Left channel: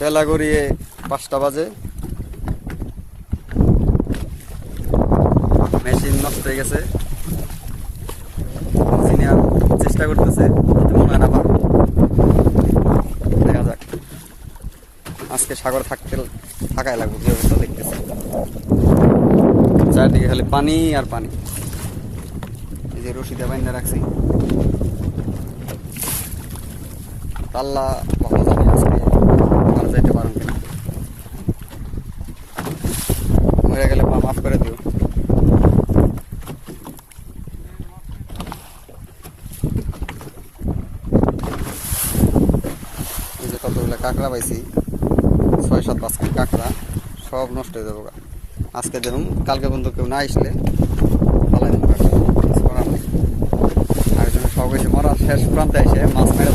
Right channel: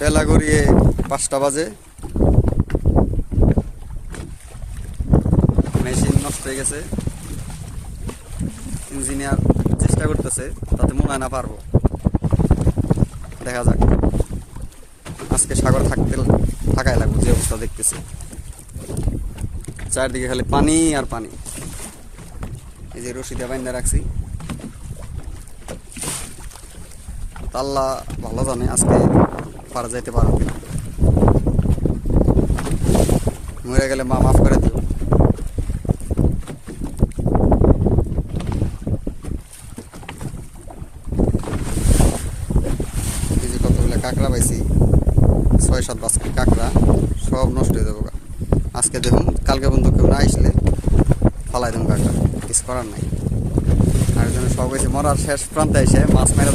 বেলা গড়িয়ে 5টা বাজে। মেশিন নষ্ট হয়ে গেছে। ইঞ্জিনিয়ার চেষ্টা করতেছে, তাতে মনে হয় না পারবো। দেখা যাক, আজকে সাগর থাকাই লাগবে। যে অবস্থা দেখতেছি, চারদিকে খালি পানি আর পানি। এই যে রশিদা বাইন্দা রাখছি, আল্লাহ ভালো জানে আজকে মারা যাইতে পারো কিনা। মরে গেলে মা মাফ করে দিও। এই যে কতগুলো কাঁকড়া পাইছি, 6-7 বাস্কেট কাঁকড়া, সব নষ্ট হয়ে যাবো। আজকে দেখুন, কালকে পর্যন্ত কেউ না আসলে ফালাই দেবো কাঁকড়া, কিছু করার নাই। আর জন্য সব এসে মরার শেষ প্রান্তে এসে মাছ মেরে